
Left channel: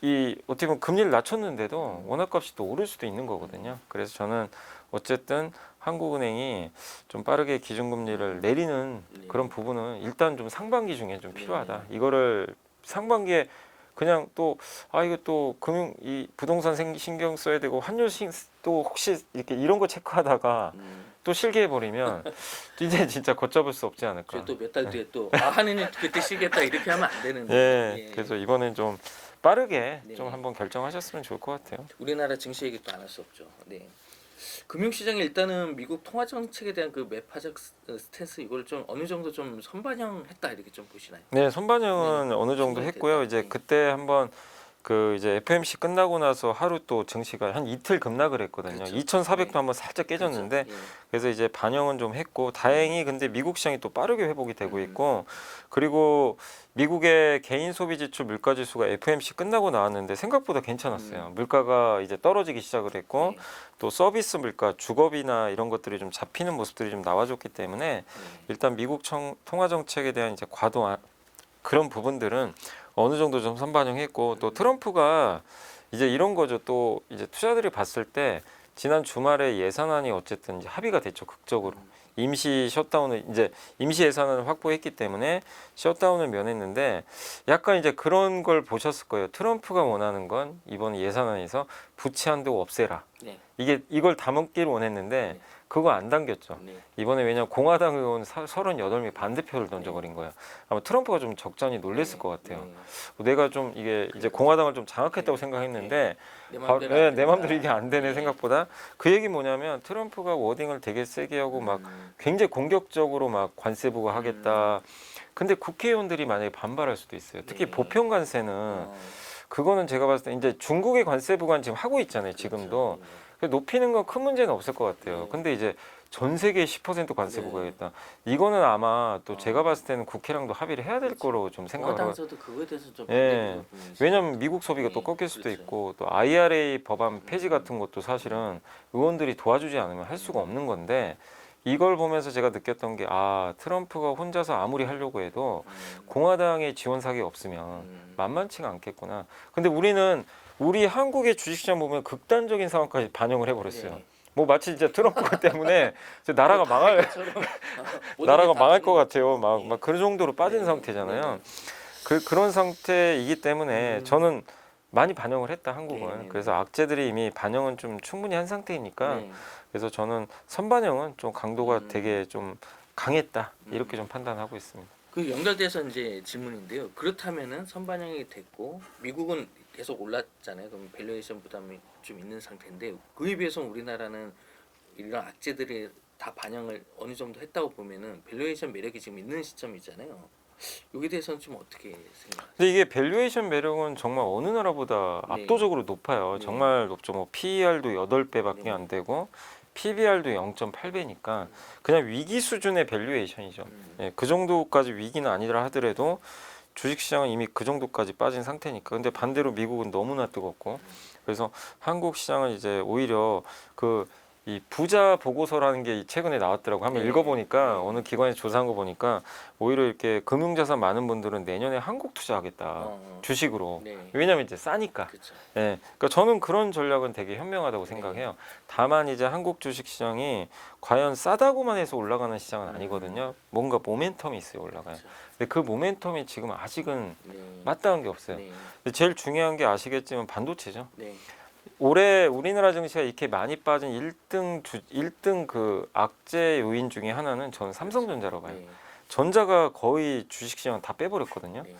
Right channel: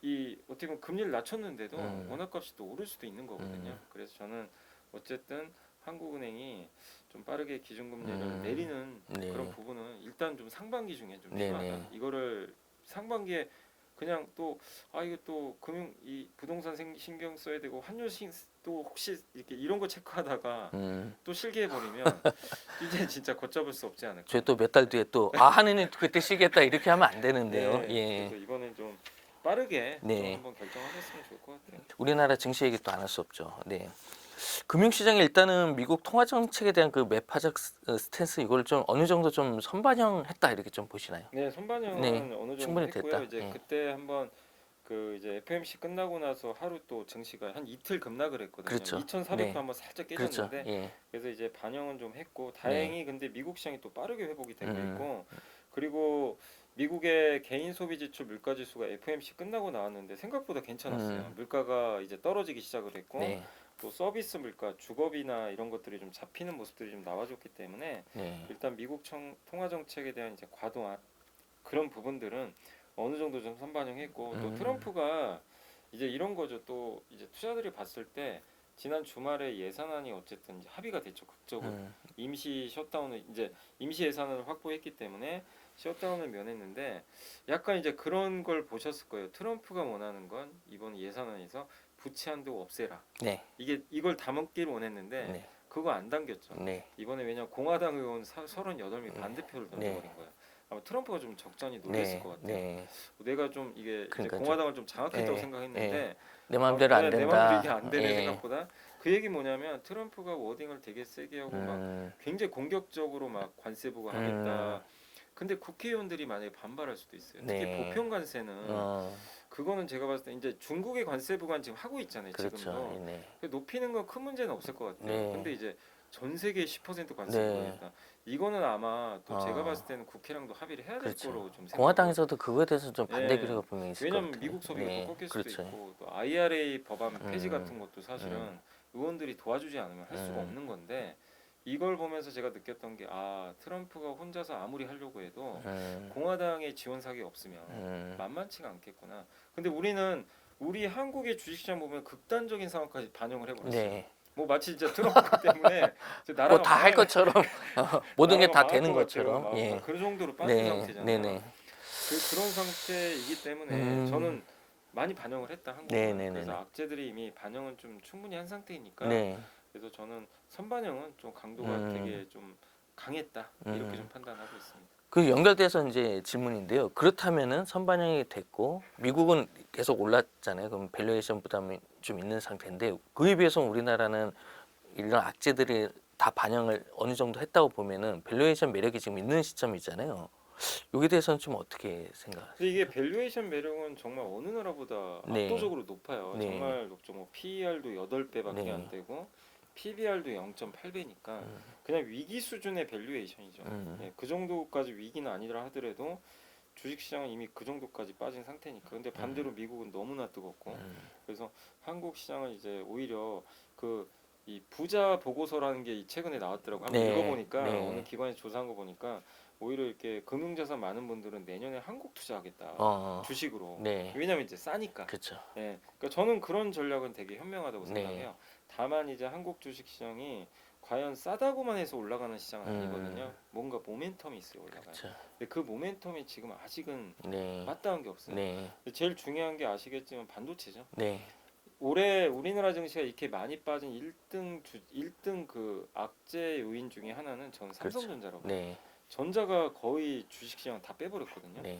이 어떻게 보면 금리를 낮췄는데도 원화값이 또 오를 수도 있는 거거든요. 그래서 저는 어쨌든 한국은행이 좀 빠르게 기준금리를 내리는 네. 그런 부분은 일단 좀 상반기 중에 좀 네, 필요하다. 네. 이거를 상반기에 그냥 또 이거 또 금융 이 부동산 신경 써야 되고 환율 또 혹시 이렇게 이런 거 체크하다가 또 실개해 버리면 이제 진짜 걷잡을 수 없지 않을까. 저희 또 몇 달 뒤에 또 하느님 그때 쉬겠다 이렇게 하면 안 되는데요. 예. 예. 그래서 이번엔 좀 빠르게 네. 좀 한번 결정하셨으면 좋을 것 같아요. 우리나라 증시 얘기 또 안 할 수 없죠. 네. 금융시장이 일단은 미국 통화 정책에 대한 그 매파적 스탠스 이걸 좀 어느 정도 좀 선반영했다 이렇게 좀 보시나요? 네, 선반영은 네, 어느 정도 충분히 했고요. 됐다. 이제 네. 그때 한번 그 이제 FOMC 끝나고 나서 하루 또 증시가 한 이틀 급락을 했거든요. 그렇죠. 2,400도 네. 한번 살짝 깨졌는데 그렇죠. 예. 그래서 이제 반영은 좀 했고 다행히 근데 미국 시장이 또 빠르게 회복이 되고 있고 그리고 미국의 개인 소비 지출 물가 지수가 FOMC 끝나고 나왔는데 생각보다 괜찮았어요. 물가가 이제 떨어지기 시작을 했고 네. 또 서비스 물가, 주거비나 이런 것들이 좀 잡히는 모습들이 좀 나와줬기 때문에 네. 일단 미국 통화 정책에 대한 이제 과도한 그런 부분들은 어느 정도 좀 선반영했고 또 트럼프가 이제 이런 거죠. 또 이제 투자들이 봤을 때 지난 주말에 예산안이 어쨌든 이제 합의가 됐죠. 극적으로. 임시 셧다운을 이제 임시 예산안을 확보했기 때문에 셧다운을 면했는데 약간 이제 그런 걸 보셨을 거예요. 트럼프가 원하는 건 이번 예산안에서 부채 한도 없애라. 네. 이걸 담기를 원했는데 네. 그거 안 당겼죠. 네. 이번에 왜냐면 공화당 의원 38명이 반대표를 던져버린 거예요. 아마 트럼프가 좀 적잖이 놀랬을 네. 것 같아요. 네. 내가 좀 이게 이제 그러니까 공화당을 좀 장악했다고 네. 생각했는데 내 마음대로 안 된다. 내 마음대로 이게 안 되네 예. 생각보다. 그 얘기 뭐냐면 트럼프가 워딩을 되게 세게 하고 막 굉장히 공격적으로 막 관세 부과하겠다. 근데 국회의원들이 만약에 반발할 수도 있어요. 특히 네. 보편 관세는 그거는 제가 봤을 때 이제 중국의 관세 부과는 지금 하고 있잖아요. 그렇죠. 지금도. 네. 높이는 건 큰 문제는 없을 것 같아요. 네. 근데 이제 전 세계 10% 관세 네. 부과겠다. 이거는 아마 또 아. 제가 봤을 때는 국회랑도 합의를 해야 될 그렇죠. 거로 좀 생각을 공화당에서도 그거에 대해서 좀 예. 반대 부분이 있을 왜냐면 것 같아요. 미국 소비가 네. 또 꺾일 수도 그렇죠. 있고 또 IRA 법안 폐지 같은 것도 사실은 의원들이 도와주지 않으면 할 수가 없는 건데 이걸 보면서 제가 느꼈던 게 트럼프가 혼자서 아무리 하려고 해도 공화당의 지원 사격이 없으면 만만치가 않겠구나. 근데 우리 한국의 주식시장 보면 극단적인 상황까지 반영을 해버렸어요. 네. 뭐 마치 진짜 트럼프 때문에 이제 나라가 뭐다할 망할 것처럼 모든 나라가 게다 망할 되는 것 같아요. 것처럼. 막, 예. 막 그런 정도로 빠진 네. 상태잖아요. 네네. 그런 상태이기 때문에 저는 많이 반영을 했다 한국은. 네네네. 그래서 악재들이 이미 반영은 좀 충분히 한 상태이니까 네. 그래서 저는 선반영은 좀 강도가 되게 좀 강했다 이렇게 좀 판단하고 있습니다. 그 연결돼서 이제 질문인데요. 그렇다면은 선반영이 됐고 미국은 계속 올랐잖아요. 그럼 밸류에이션 부담이 좀 있는 상태인데 그에 비해서 우리나라는 이런 악재들이 다 반영을 어느 정도 했다고 보면은 밸류에이션 매력이 지금 있는 시점이잖아요. 여기에 대해서는 좀 어떻게 생각하세요? 근데 이게 밸류에이션 매력은 정말 어느 나라보다 네. 압도적으로 높아요. 네. 정말 높죠. 뭐 PER도 8배밖에 네. 안 되고 PBR도 0.8배니까 그냥 위기 수준의 밸류에이션이죠. 예, 그 정도까지 위기는 아니라 하더라도 주식시장은 이미 그 정도까지 빠진 상태니까. 근데 반대로 미국은 너무나 뜨겁고 그래서 한국 시장은 이제 오히려 이 부자 보고서라는 게 최근에 나왔더라고. 한번 네. 읽어보니까 네. 어느 기관에서 조사한 거 보니까 오히려 이렇게 금융자산 많은 분들은 내년에 한국 투자하겠다. 주식으로. 네. 왜냐면 이제 싸니까. 그렇죠. 예, 그러니까 저는 그런 전략은 되게 현명하다고 네. 생각해요. 다만 이제 한국 주식시장이 과연 싸다고만 해서 올라가는 시장은 아니거든요. 뭔가 모멘텀이 있어요, 올라가요. 그렇죠. 근데 그 모멘텀이 지금 아직은 네. 맞닿은 게 없어요. 네. 근데 제일 중요한 게 아시겠지만 반도체죠. 네. 올해 우리나라 증시가 이렇게 많이 빠진 1등 그 악재 요인 중에 하나는 저는 삼성전자라고 봐요. 네. 전자가 거의 주식시장 다 빼버렸거든요. 네.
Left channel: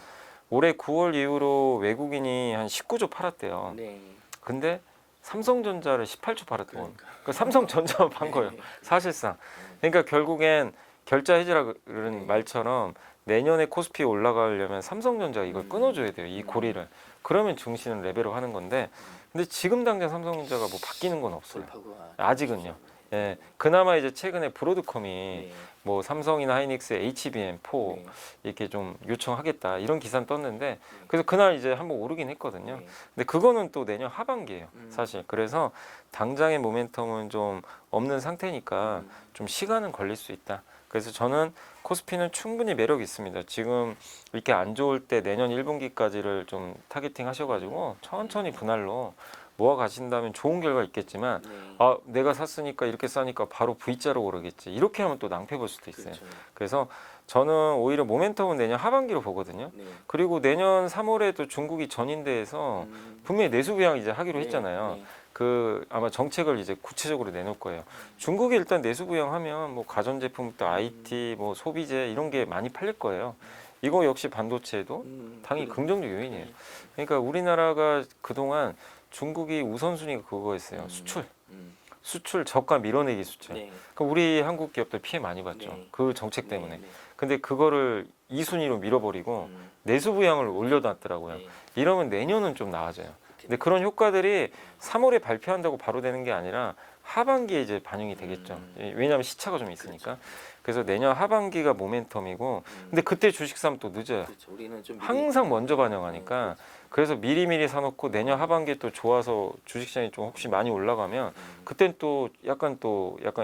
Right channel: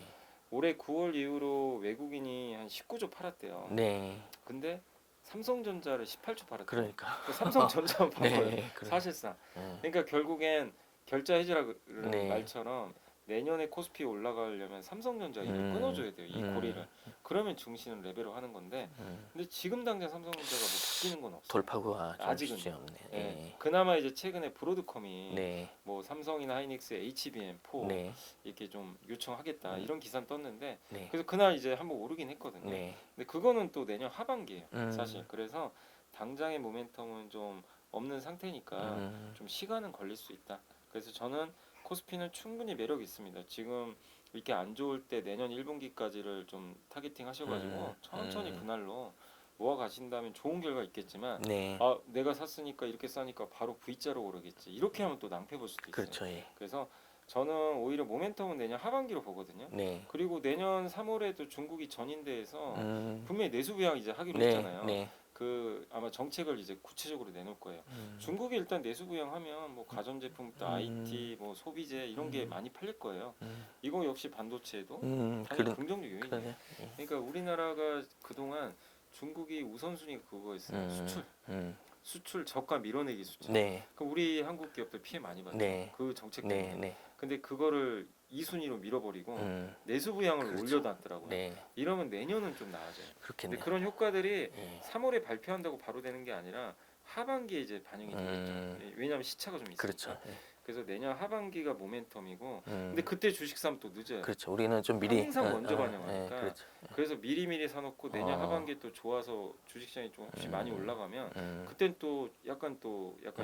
올해 9월 이후로 외국인이 한 19조 팔았대요. 네. 근데 삼성전자를 18조 팔았대요. 그러니까. 삼성전자만 판 네. 거예요. 사실상. 음. 그러니까 결국엔 결자 해지라는 네. 말처럼 내년에 코스피 올라가려면 삼성전자가 이걸 끊어줘야 돼요. 이 고리를. 그러면 증시는 레벨업 하는 건데 근데 지금 당장 삼성전자가 뭐 바뀌는 건 없어요. 돌파구가 아직은요. 예, 네. 그나마 이제 최근에 브로드컴이 네. 뭐 삼성이나 하이닉스, HBM, 4 네. 이렇게 좀 요청하겠다 이런 기사는 떴는데 네. 그래서 그날 이제 한번 오르긴 했거든요. 네. 근데 그거는 또 내년 하반기예요, 음. 사실. 그래서 당장의 모멘텀은 좀 없는 상태니까 좀 시간은 걸릴 수 있다. 그래서 저는 코스피는 충분히 매력이 있습니다. 지금 이렇게 안 좋을 때 내년 1분기까지를 좀 타겟팅 하셔가지고 천천히 분할로 모아 가신다면 좋은 결과 있겠지만 네. 내가 샀으니까 이렇게 싸니까 바로 V자로 오르겠지. 이렇게 하면 또 낭패 볼 수도 있어요. 그렇죠. 그래서 저는 오히려 모멘텀은 내년 하반기로 보거든요. 네. 그리고 내년 3월에도 중국이 전인대에서 분명히 내수 부양 이제 하기로 했잖아요. 네. 아마 정책을 이제 구체적으로 내놓을 거예요. 중국이 일단 내수 부양하면 뭐 가전제품부터 IT, 뭐 소비재 이런 게 많이 팔릴 거예요. 이거 역시 반도체에도 당연히 긍정적 요인이에요. 그러니까 우리나라가 그동안 중국이 우선순위가 그거였어요. 수출 저가 밀어내기 수출. 네. 그러니까 우리 한국 기업들 피해 많이 봤죠. 네. 그 정책 때문에. 네. 근데 그거를 2순위로 밀어버리고 음. 내수 부양을 그렇죠. 올려놨더라고요. 네. 이러면 내년은 좀 나아져요. 그렇겠네. 근데 그런 효과들이 3월에 발표한다고 바로 되는 게 아니라 하반기에 이제 반영이 되겠죠. 왜냐하면 시차가 좀 있으니까. 그렇죠. 그래서 내년 하반기가 모멘텀이고, 근데 그때 주식 사면 또 늦어요. 그렇죠. 우리는 좀 미리 항상 먼저 네, 반영하니까. 그렇죠. 그래서 미리미리 사놓고 내년 어. 하반기에 또 좋아서 주식시장이 좀 혹시 많이 올라가면 그땐 또 약간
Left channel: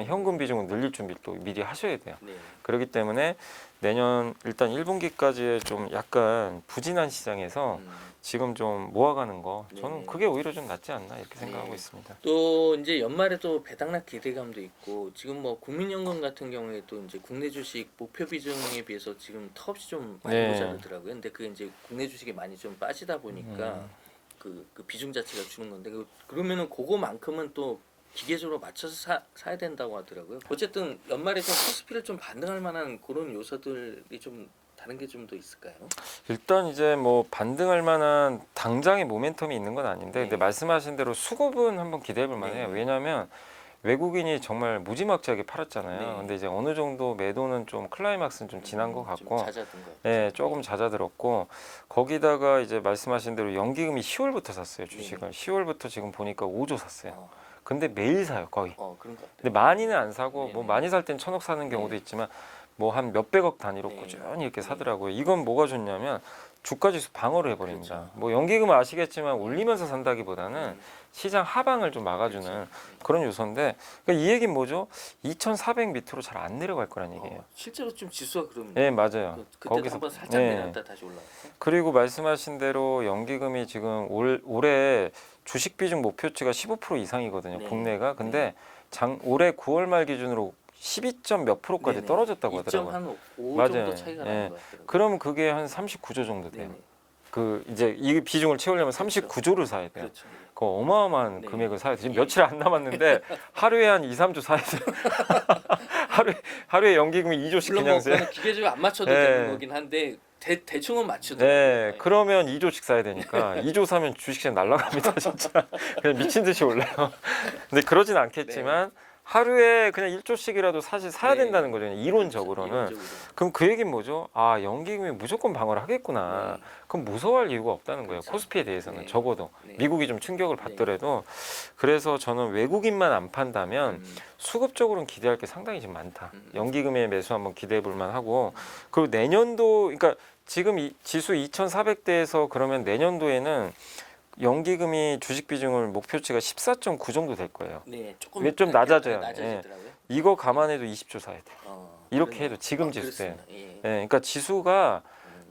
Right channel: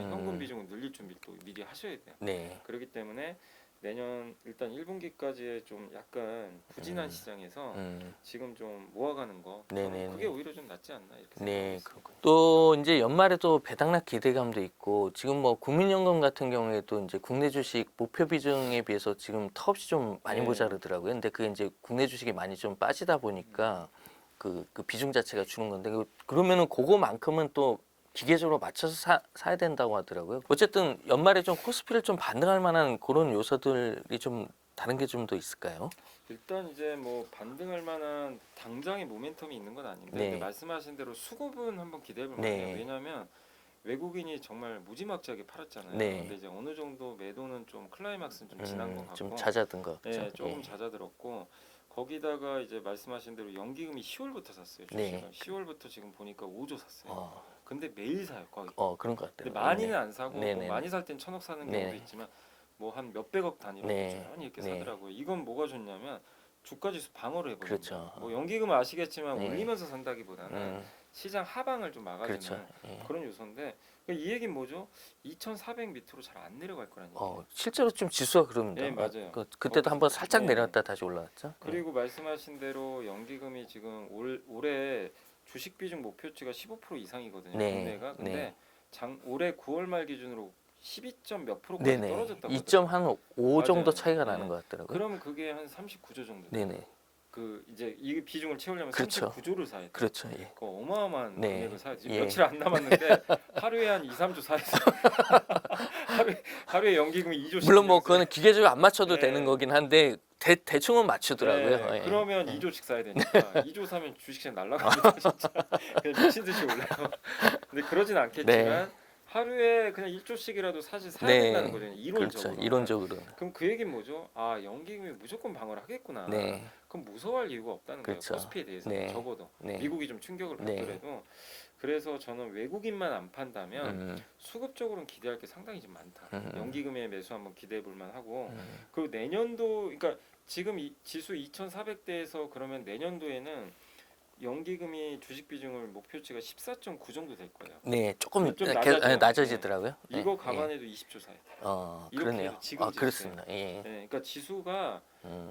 현금 비중을 늘릴 준비를 또 미리 하셔야 돼요. 네. 그렇기 때문에 내년 일단 1분기까지의 좀 약간 부진한 시장에서 지금 좀 모아가는 거 저는 네네. 그게 오히려 좀 낫지 않나 이렇게 생각하고 네. 있습니다. 또 이제 연말에 또 배당락 기대감도 있고 지금 뭐 국민연금 같은 경우에도 이제 국내 주식 목표 비중에 비해서 지금 턱없이 좀 많이 네. 모자르더라고요. 근데 그 이제 국내 주식이 많이 좀 빠지다 보니까 그 비중 자체가 주는 건데 그러면은 그거만큼은 또 기계적으로 맞춰서 사야 된다고 하더라고요. 어쨌든 연말에 좀 코스피를 좀 반등할 만한 그런 요소들이 좀 다른 게 좀 더 있을까요? 일단 이제 뭐 반등할 만한 당장의 모멘텀이 있는 건 아닌데 네. 근데 말씀하신 대로 수급은 한번 기대해 볼 만해요. 네. 왜냐하면 외국인이 정말 무지막지하게 팔았잖아요. 네. 근데 이제 어느 정도 매도는 좀 클라이막스는 좀 지난 것 좀 같고 잦아든 것 네, 같죠? 조금 잦아들었고 거기다가 이제 말씀하신 대로 연기금이 10월부터 샀어요 주식을. 네. 10월부터 지금 보니까 5조 샀어요. 어, 근데 매일 사요 거의. 그런 것 같아요. 근데 많이는 안 사고 네네. 뭐 많이 살 땐 1,000억 사는 경우도 네. 있지만 뭐 한 몇백억 단위로 네. 꾸준히 이렇게 네. 사더라고요. 이건 뭐가 좋냐면 주가지수 방어를 해버립니다. 그렇죠. 뭐 연기금은 아시겠지만 네. 올리면서 산다기보다는 시장 하방을 좀 막아주는 그렇죠. 네. 그런 요소인데 그러니까 이 얘기는 뭐죠? 2,400 밑으로 잘 안 내려갈 거란 얘기예요. 실제로 좀 지수가 그러면 네 맞아요. 그때도 거기서- 한번 살짝 네. 내렸다 다시 올라왔죠. 그리고 말씀하신 대로 연기금이 지금 올해 주식 비중 목표치가 15% 이상이거든요. 네. 국내가. 근데 올해 9월 말 기준으로 12점 몇 프로까지 네네. 떨어졌다고 2점 하더라고요. 한 5 맞아요. 정도 차이가 네. 나는 것 같더라고요. 그러면 그게 한 39조 정도 돼요. 네네. 그 이제 이 비중을 채우려면 그렇죠. 39조를 사야 돼요. 그렇죠. 예. 그 어마어마한 네. 금액을 사야 돼요. 지금 예. 며칠 안 남았는데 하루에 한 2, 3조 사야 돼요. 하루에 연기금이 2조씩 물론 뭐 그냥 그거는 기계적으로 안 맞춰도 네. 되는 거긴 한데 대충은 맞추더라고요. 네, 예. 그러면 2조씩 사야 되니까 2조 사면 주식시장 날라갑니다 진짜. 그냥 미친 듯이 올라요. 근데 그러진 않겠지만 하루에 그냥 1조씩이라도 사실 사야 네. 된다는 거죠. 이론적으로. 그렇죠. 이론적으로. 그럼 그 얘기는 뭐죠? 아 연기금이 무조건 방어를 하겠구나. 네. 그럼 무서워할 이유가 없다는 거예요. 그렇죠. 코스피에 대해서는 네. 적어도 네. 미국이 좀 충격을 네. 받더라도 그래서 저는 외국인만 안 판다면 수급적으로는 기대할 게 상당히 지금 많다. 연기금의 매수 한번 기대해 볼 만하고 그리고 내년도 그러니까 지금 이 지수 2,400대에서 그러면 내년도에는 연기금이 주식 비중을 목표치가 14.9 정도 될 거예요. 네, 조금 좀 낮아져요. 낮아지더라고요. 이거 네. 감안해도 20조 사야 돼요. 이렇게 그러네요. 해도 지금 지수에. 그렇습니다. 예. 네, 그러니까 지수가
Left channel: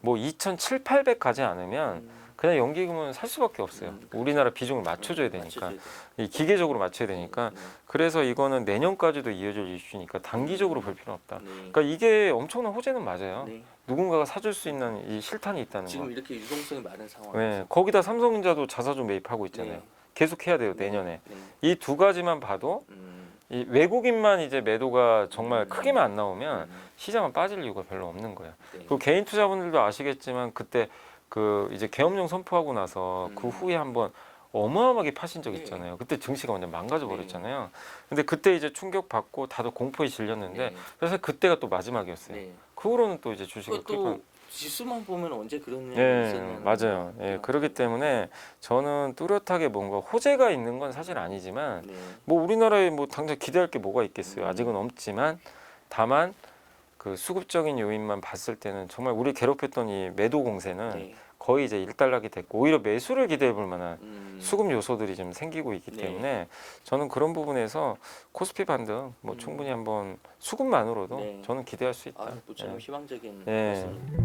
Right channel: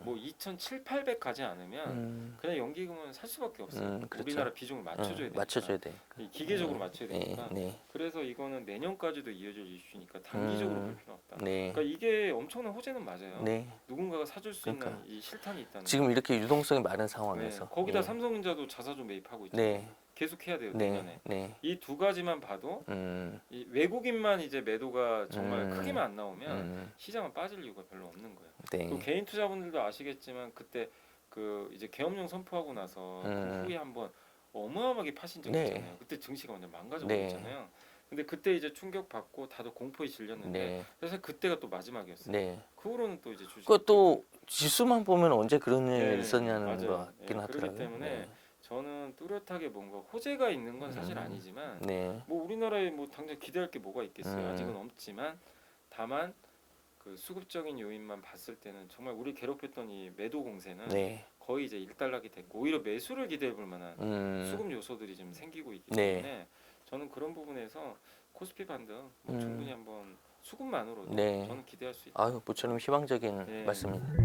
뭐 2,700, 800 가지 않으면 음. 그냥 연기금은 살 수밖에 없어요. 그렇죠. 우리나라 비중을 맞춰줘야 되니까. 맞춰줘야 돼요. 이 기계적으로 맞춰야 되니까. 네. 그래서 이거는 내년까지도 이어질 이슈니까 단기적으로 볼 필요는 없다. 네. 그러니까 이게 엄청난 호재는 맞아요. 네. 누군가가 사줄 수 있는 이 실탄이 있다는 지금 거. 이렇게 유동성이 많은 상황에서 네, 거기다 삼성전자도 자사주 매입하고 있잖아요. 네. 계속 해야 돼요 네. 내년에. 네. 이 두 가지만 봐도 이 외국인만 이제 매도가 정말 크게만 안 나오면 시장은 빠질 이유가 별로 없는 거예요. 네. 그 개인 투자분들도 아시겠지만 그때 그 이제 계엄령 선포하고 나서 그 후에 한번 어마어마하게 파신 적 네. 있잖아요. 그때 증시가 완전 망가져 버렸잖아요. 근데 그때 이제 충격 받고 다들 공포에 질렸는데 네. 그래서 그때가 또 마지막이었어요. 네. 그 후로는 또 이제 주식이 그것도 지수만 보면 언제 그런 일이 네, 있었냐는 맞아요. 거 예, 같긴 그렇기 하더라고요. 때문에 저는 뚜렷하게 뭔가 호재가 있는 건 사실 아니지만 네. 뭐 우리나라에 뭐 당장 기대할 게 뭐가 있겠어요. 음. 아직은 없지만 다만 그 수급적인 요인만 봤을 때는 정말 우리 괴롭혔던 이 매도 공세는 네. 거의 이제 일단락이 됐고 오히려 매수를 기대해 볼 만한 수급 요소들이 좀 생기고 있기 네. 때문에 저는 그런 부분에서 코스피 반등 뭐 충분히 한번 수급만으로도 네. 저는 기대할 수 있다. 아유, 모처럼 희망적인 네. 말씀입니다.